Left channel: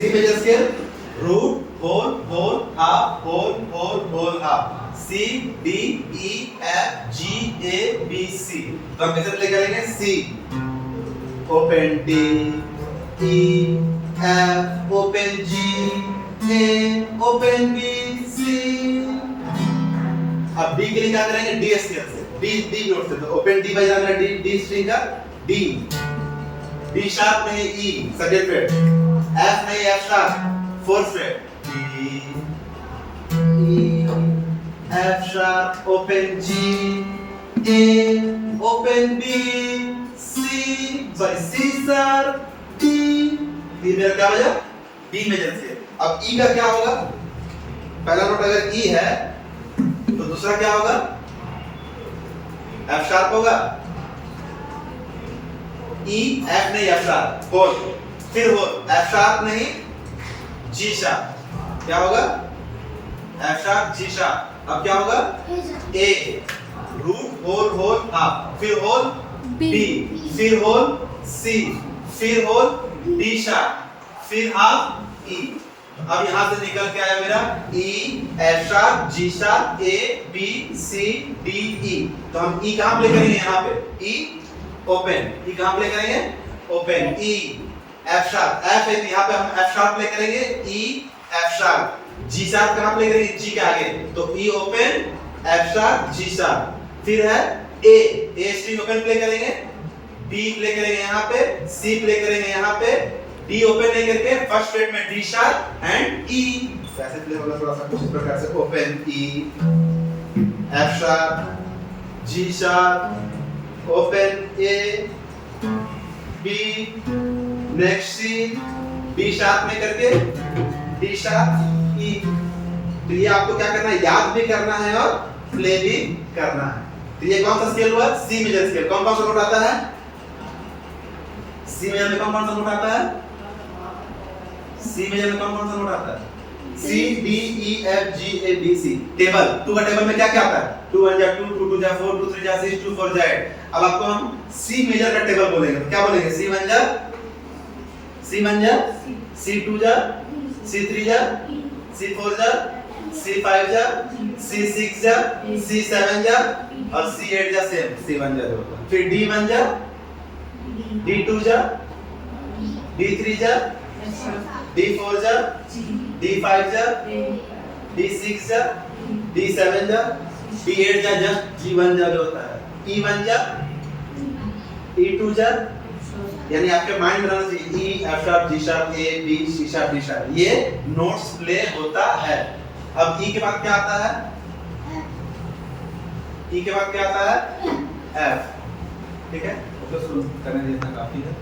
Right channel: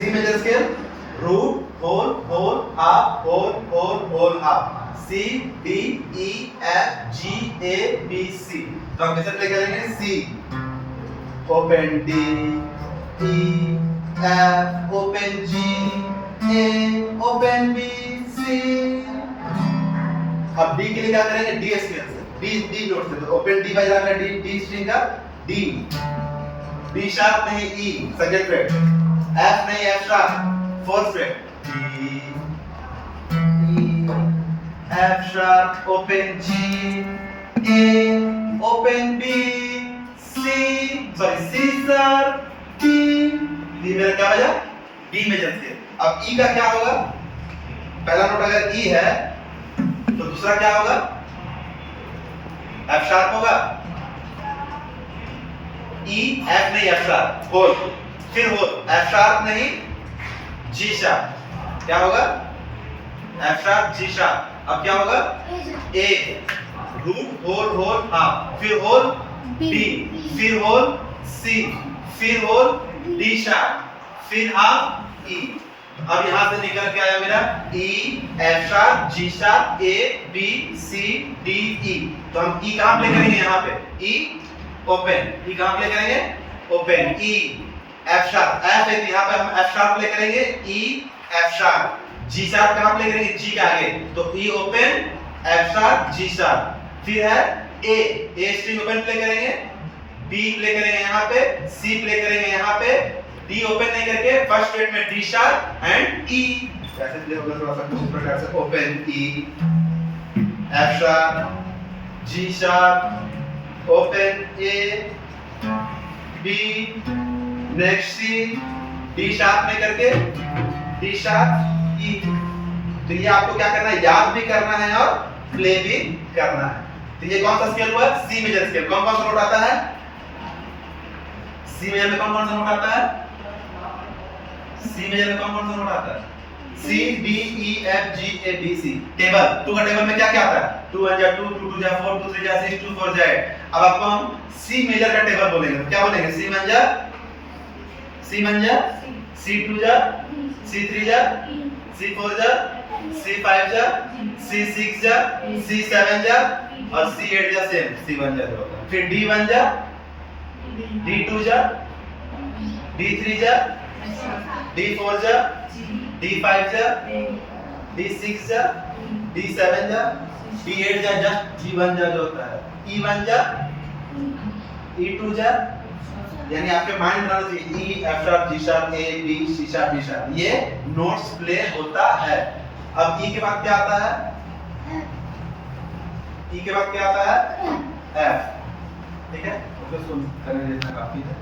C major scale, root, whole, whole, half, whole, whole, whole, half. C, D, E, F, G, A, B, C. तो हम कैसे play करेंगे? C, open D, E, F, open G, A, open B, C. अब D के लिए क्या करेंगे? D scale से, D नोट से. तो open D बज रहा है D स्ट्रिंग का D, D शार्प नहीं E सेकंड फ्रेट. F नहीं F sharp fourth fret. D, E, F sharp, open G, A, open B, C, sorry C sharp, D. D मेरा क्या बजा? D major scale. अब E का क्या होगा? पहला नोट अगर E है तो दूसरा क्या होगा? F sharp होगा. E, F नहीं F sharp, होल. फिर हो F sharp नहीं G sharp. क्या होगा? F sharp G sharp. अब क्या होगा? A, root, whole, whole, half. फिर होल B, फिर होल C, फिर होल D sharp, फिर हाफ E. अब यहां से निकल के आया मेरा E, F sharp, G sharp, A, B, C, D, E. तो हम E कहां प्ले करेंगे? यहां पे E ओपन. E कहां प्ले करेंगे? Open. E F sharp, F है यहाँ पे हम F sharp प्ले करेंगे. E F sharp. G sharp कहाँ प्ले करेंगे? G के आगे. तो E open, F sharp, G sharp. फिर है A string open प्ले करेंगे. B प्ले करेंगे यहाँ पे. C प्ले करेंगे यहाँ पे. D open नहीं करके फर्स्ट फ्रेट में D sharp and E. कैसे प्ले होगा थोड़ा सा कुछ प्रकार से. Open E, F sharp, G sharp, open A, B, next C, D sharp में करके D शार्प E. तो ये आपको क्या करना है? याद भी करना है और प्ले भी करना है. तो ये कौन सा स्केल हुआ? C major scale. कौन कौन सा नोट आता है? C मेजर में कौन कौन सा नोट आता है? C मेजर में कौन कौन सा नोट आता है? C, D, E, F, G, A, B, C. Table 2 का टेबल में क्या क्या आता है? 2 1 जा 2, 2 2 जा 4, 2 3 जा 6, 2 4 जा 8. अब आपको हम C मेजर का टेबल बोलेंगे. तो क्या बोलेंगे? C 1 जा C2 जा C3 जा C4 जा C5 जा C6 जा C7 जा और C8 जा. सेम C1 जा. फिर D1 जा D2 जा D3 जा D4 जा D5 जा D6 जा D7 जा D8 जा. जस्ट G1 जा जो होता है. E1 जा E2 जा. यानी आपके माइंड में रहना चाहिए E, F sharp, G sharp, A, B, C sharp, D sharp. ये नोट्स प्ले होता है. अब E के बाद क्या आता है? E के बाद क्या आता है? F. ठीक है? तो करने देना काफी है.